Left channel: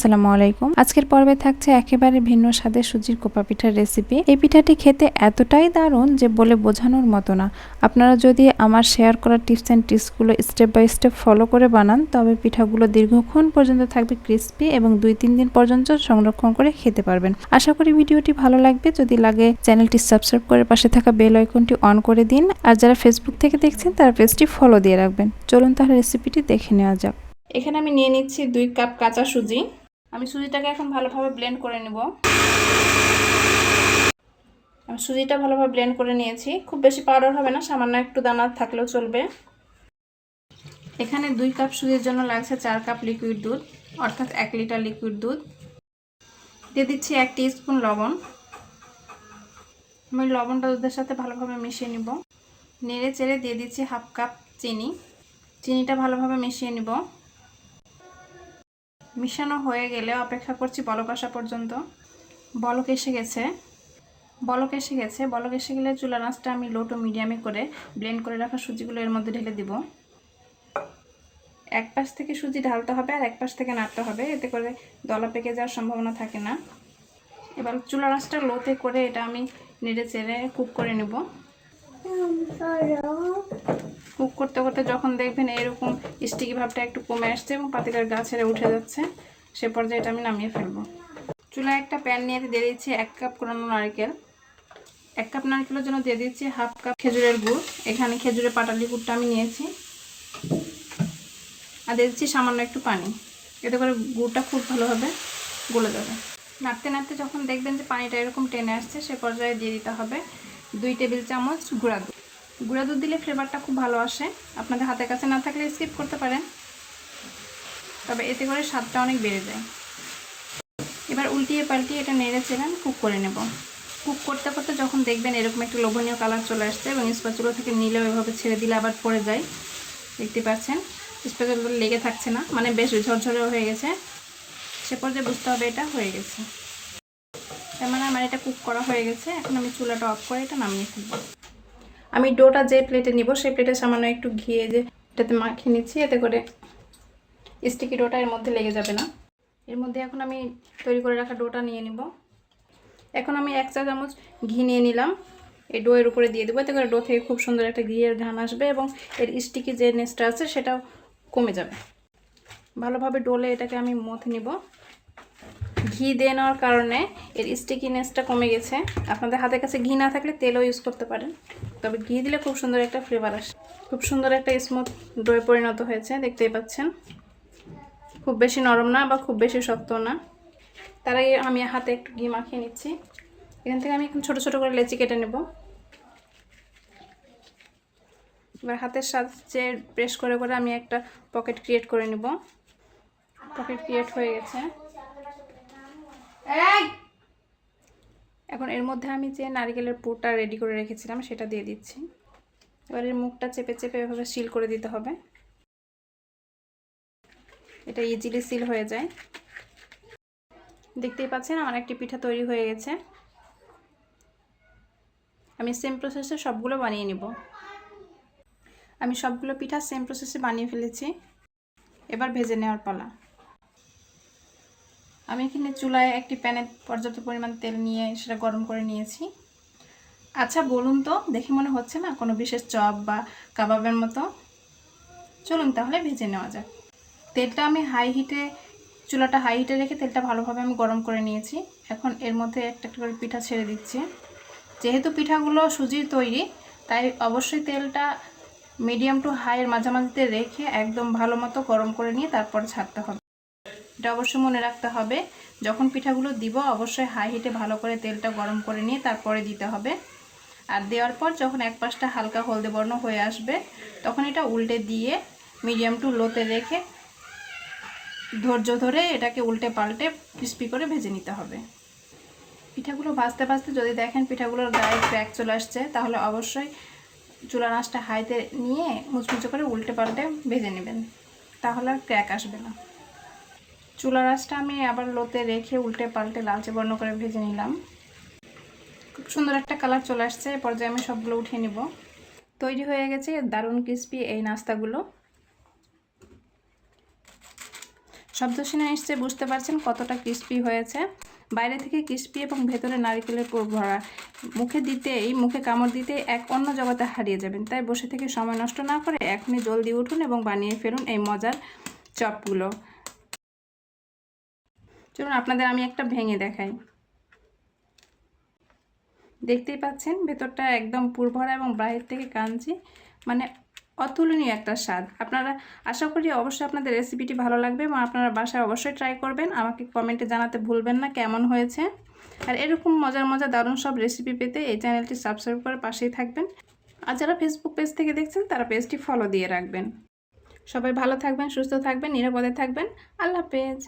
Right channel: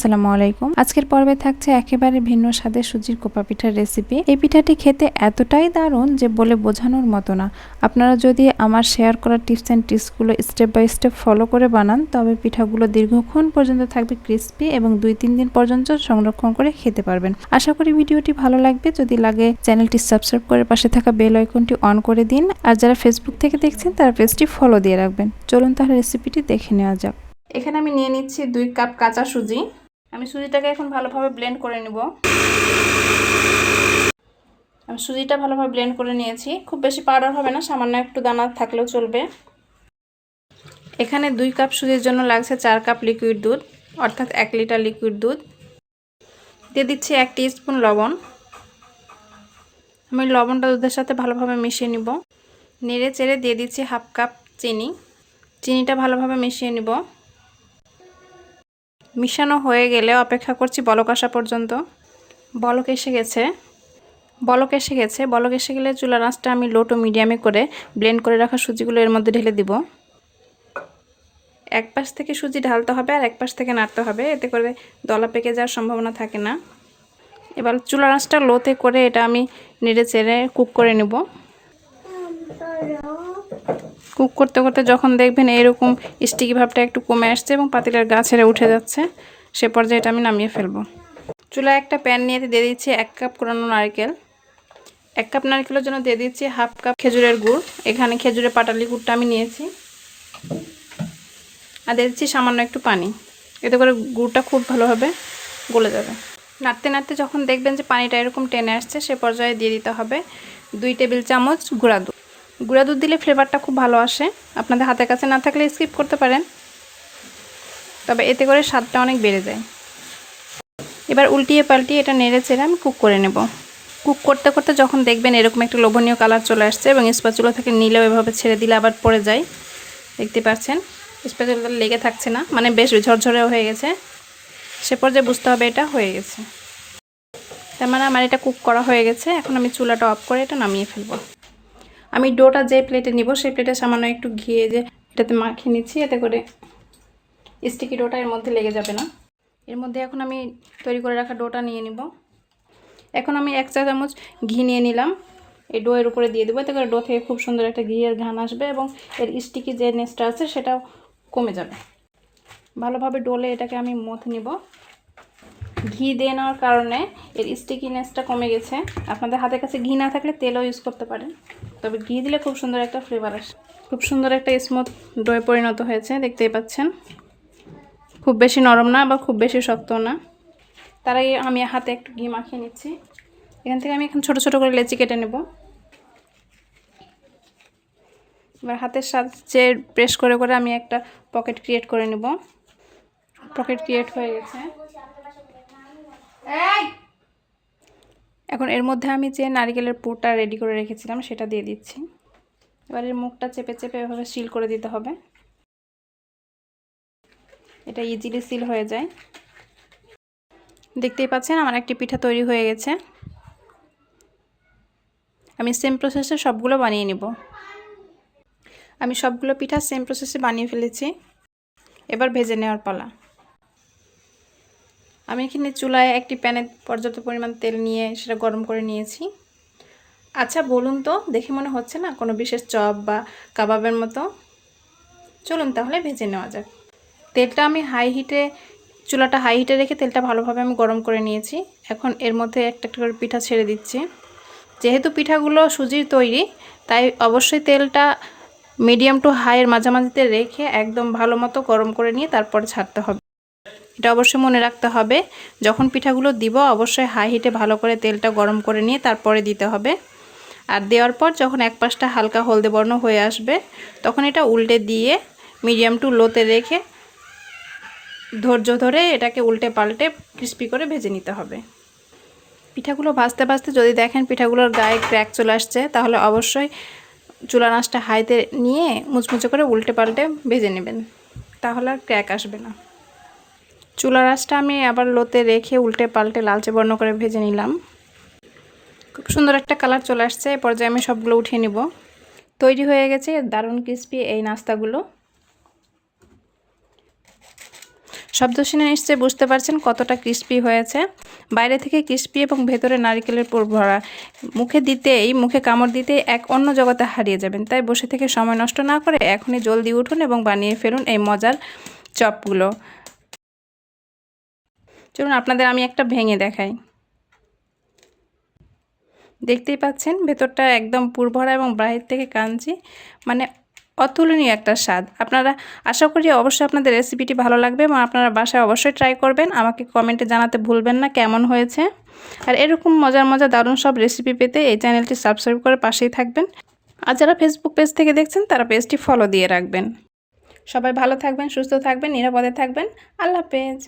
আসসালামু আলাইকুম। আজকের পর্বে থাকছে একেবারে ভিন্ন স্বাদের সুজির কোপা পিঠার রেসিপি এই পিঠাটি খেতে এতটাই দারুণ যে বলে বোঝানোর মতো না। আপনারা যদি আমার শেয়ার করা টিপস অ্যান্ড টিপসগুলো স্টেপ বাই স্টেপ ফলো করে বানান, তবে পিঠাগুলো দীর্ঘক্ষণ পর্যন্ত থাকবে ক্রিস্পি এবং দুই তিন দিন পর্যন্ত সংরক্ষণ করে খেতে পারবেন। আশা করি ভিডিওটি ভালো লাগবে। যদি লাগে চ্যানেলটি সাবস্ক্রাইব করে পাশে থাকা বেল আইকনটি অন করে দিন। আর যারা ফেসবুক থেকে দেখছেন, তারা পেজটি ফলো দিয়ে রাখবেন। চলুন তাহলে রেসিপিটি দেখে নেওয়া যাক। এখানে আমি নিয়ে নিচ্ছি দুই কাপ কাঁচা সুজি। আমি সুজিটাকে এখন ভালোভাবে ব্লেন্ড করে নেব। আমি সুজিটা ভালোভাবে ব্লেন্ড করে নিয়েছি। খুব বেশি পাউডার হবে না, সামান্য একটু দানা থাকলেও চলবে। এখানে দুই কাপ সুজির জন্য লাগছে চার কাপ লিকুইড দুধ, অর্থাৎ এক লিটার লিকুইড দুধ। দিয়ে দিচ্ছি এক স্পুন লবণ। আমি লবণটা দুধের সাথে ভালোভাবে মিশিয়ে নিব। নেড়ে চেড়ে দিয়ে দিচ্ছি হাফ কাপ চিনি। চিনিটা ভালোভাবে মিশিয়ে নিব। মিশানো হয়ে গেলে অপেক্ষা করছি বলক আসা পর্যন্ত। বলক এসে গেছে। বলক এসে গেছে। বলক এসে গেলে চুলার আঁচটা আমি লো টু মিডিয়ামে করে ব্লেন্ড করে রাখা সুজিগুলো এর মধ্যে ঢেলে দিব। এক পাশ থেকে সুজি ঢালতে হবে আর এক পাশ থেকে নাড়তে হবে। এতে করে দলা পেকে যাওয়ার সম্ভাবনা থাকে না। এবার চুলার আঁচটা লোতে করে এটা আমি নেড়ে চেড়ে কুক করে নেব। কুক করতে করতে যখন দেখবেন এরকম স্টিকি ভাবটা একটু কমে আসছে এবং পাতিটার গা ছেড়ে উঠে যাচ্ছে, সে পর্যায়ে এটা আমি নামিয়ে ফেলব। চুলায় একটা প্যান নিয়ে দিয়ে দিচ্ছি এক কাপ কোরানো নারকেল। এক কাপ নারকেলের জন্য দিয়ে দিচ্ছি হাফ কাপ খেজুরের গুড়। এখানে খেজুরের পাটালি গুড়টা আমি নিয়েছি। আর দিয়ে দিচ্ছি সামান্য একটু পানি। এতে করে গুড়টা খুব ভালোভাবে গলে যাবে। নাড়তে নাড়তে যখন দেখবেন যে পানিটা এরকম টেনে আসছে, সে পর্যায়ে দিয়ে দিতে হবে দুই টেবিল চামচ গুঁড়া দুধ। গুঁড়া দুধ দিলে ফ্লেভারটা খুব ভালো আসে। আপনাদের হাতের কাছে না থাকলে স্কিপ করতে পারেন। তবে এতে করে স্বাদটা অনেক বেড়ে যায়। এবার উল্টিয়ে পাল্টিয়ে এটা নেড়ে চেড়ে আমি কুক করে নেব। কুক করতে করতে যখন দেখবেন এরকম একটা লোভনীয় কালার চলে আসছে এবং স্পাচুলা থেকে নিলেও এভাবে ছেড়ে দিলে আবার পড়ে যায়। দেখতে পাচ্ছেন? স্পাচুলা লেগে থাকছে না মানে বেশ ঝরঝরেও হয়ে গেছে। সে পর্যায়ে বুঝতে হবে এটা হয়ে গেছে। তার মানে আমার এটা কুক করা হয়ে গেছে। এখন আমি চুলাটা অফ করে এটা নামিয়ে ফেলব। আমি ডোটা যে প্লেটে নিব, সেই প্লেটে সামান্য একটু ঘিয়ে যে এটাতে মাখিয়ে নিচ্ছি, এতে করে স্টিকি ডোটা এর মধ্যে লেগে যাবে না। এর মধ্যে এখন আমি তৈরি করে রাখা ডোটা নিয়ে নিব। এখন আমি এক চা চামচ ঘি নিয়ে নিলাম। এই ডো এর উপরে দিয়ে দেবো, এতে করে ডো থেকে খুব সুন্দর একটা ঘিয়ের ঘান আসবে এবং এর স্টিকি যে নেসটা আছে, সেটাও কমে যাবে। ভালোভাবে ডোলে এটাকে আমি মথে নিব। ঘি দিয়ে নেওয়ার কারণে এর স্টিকিনেসটা কমে গেছে। আপনাদের হাতের কাছে ঘি না থাকলে তেলও ইউজ করতে পারেন। তবে ঘি দিলে খুব সুন্দর একটা ফ্লেভার আসে। খুব সুন্দর একটা স্মুথ ডোয়ে পরিণত হয়েছে, দেখতেই পাচ্ছেন। খুব বেশি নরম না বা খুব বেশি শক্ত না। তার আগে আমি হাতে একটু ঘি মাখিয়ে নিচ্ছি। এখান থেকে আমি এখন ছোটো ছোটো করে লেচি কেটে নেব। এবার হাতের সাহায্যে প্রেস করে করে আমি একটা পকেট ক্রিয়েট করে নেব। পকেট ক্রিয়েট হয়ে গেছে। এখন এর মধ্যে আমি যে নারিকেলের পুরটা রেডি করে রেখেছিলাম, সেটা দিয়ে দিচ্ছি। এবার এর মুখটা চেপে চেপে এভাবে সিল করে দিতে হবে। এটা ইজিলি সিল হয়ে যায়। দেখতেই পাচ্ছেন আমার একটি পিঠা তৈরি হয়ে গেছে। আমি সেম প্রসেসে সবগুলো বানিয়ে নেব। আমি সবগুলো পিঠা সেম প্রসেসে বানিয়ে ফেলেছি। এবার ভেজে নেওয়ার পালা। আমি এখানে চুলায় একটি প্যানে পর্যাপ্ত পরিমাণ তেল নিয়ে সেটা গরম করে নিয়েছি। আচ্ছা বলুন তো, দেখে মনে হচ্ছে না কোনো বিশেষ চপ বা কাবাবের মতো? চলুন তাহলে ভেজে নেওয়া যাক। তেলটা আমি হাই হিটে চুলাটা হাই হিটে রেখে তেলটা ভালোভাবে আমি গরম করে নিয়েছি। এখন এর মধ্যে একটা একটা করে পিঠা ছেড়ে দিচ্ছি। যেহেতু পিঠাগুলো সুজির তৈরি, তাই অবশ্যই তেলটা মিডিয়াম টু হাইয়ের মাঝামাঝিতে রেখে একদম ভালো মতো গরম করে নিয়ে তারপর ছাড়তে হবে। এটা অবশ্যই মনে রাখতে হবে। যখন পিঠাগুলো দিব, অবশ্যই হাই হিটে ভালো করে তেলটা গরম করে নিয়ে তারপরে দিতে হবে। আর দেওয়ার পর যখন এক পাশটা হালকা হলদে বর্ণ হয়ে আসবে, তখন এটা উল্টে দিয়ে মিডিয়াম টু লোতে রেখে ধৈর্য ধরে এটাকে উল্টে পাল্টে ক্রিস্পি করে ভেজে নিতে হবে। পিঠাগুলো ভাজতে ভাজতে যদি দেখেন পিঠাগুলোর গায়ে ক্র্যাক চলে আসছে, তাহলে অবশ্যই চুলা নাচটা হাইতে নিয়ে মুচমুচে করে উল্টে পাল্টে ভেজে নেবেন। তাহলে আর ক্র্যাক আসবে না। চুলা রাসটা আমি আবার লোতে রেখে উল্টে পাল্টে লালচে বর্ণ করে ভেজে নিলাম। খুব সুন্দর একটা কালার চলে আসছে। এ পর্যায়ে আমি সবগুলো উঠিয়ে নিব। তৈরি হয়ে গেছে দারুণ ক্রিস্পি এই নাস্তাগুলো। শব্দ শুনে নিশ্চয়ই বুঝতে পারছেন কতটা ক্রিস্পি হয়েছে। বাইরে থেকে ক্রিস্পি এবং ভেতরে নারিকেলের পুর ভরা। মুখে দিতেই, মুখে কামড় দিতেই এক অন্য জগতে হারিয়ে যাবেন। তাই বসে থেকে সময় নষ্ট না করে এখনই জলদি উঠুন এবং বানিয়ে ফেলুন এই মজার চপগুলো। চলুন আপনাদের আমি একটা ভেঙে দেখাই। দেখতেই পাচ্ছেন ভেতরটা একদম পুরভরা এবং বাইরের থেকে কাঞ্চি মানে অতুলনীয় একটা স্বাদ। আপনারা আশা করি অবশ্যই আপনাদের রেসিপিটি ভালো লাগবে এবং আপনারা বাসায় অবশ্যই ট্রাই করবেন। আমাকে কমেন্টে জানাতে ভুলবেন না কেমন হয়েছে। আর এরকম মজার মজার দারুণ সব রেসিপি পেতে এই চ্যানেলটি সাবস্ক্রাইব করে পাশেই থাকবেন। আর যারা ফেসবুক পেজ থেকে দেখছেন, তারা পেজটি ফলো দিয়ে রাখবেন। সবাই ভালো থাকবেন, সুস্থ থাকবেন, নিরাপদে থাকবেন। আল্লাহ হাফেজ।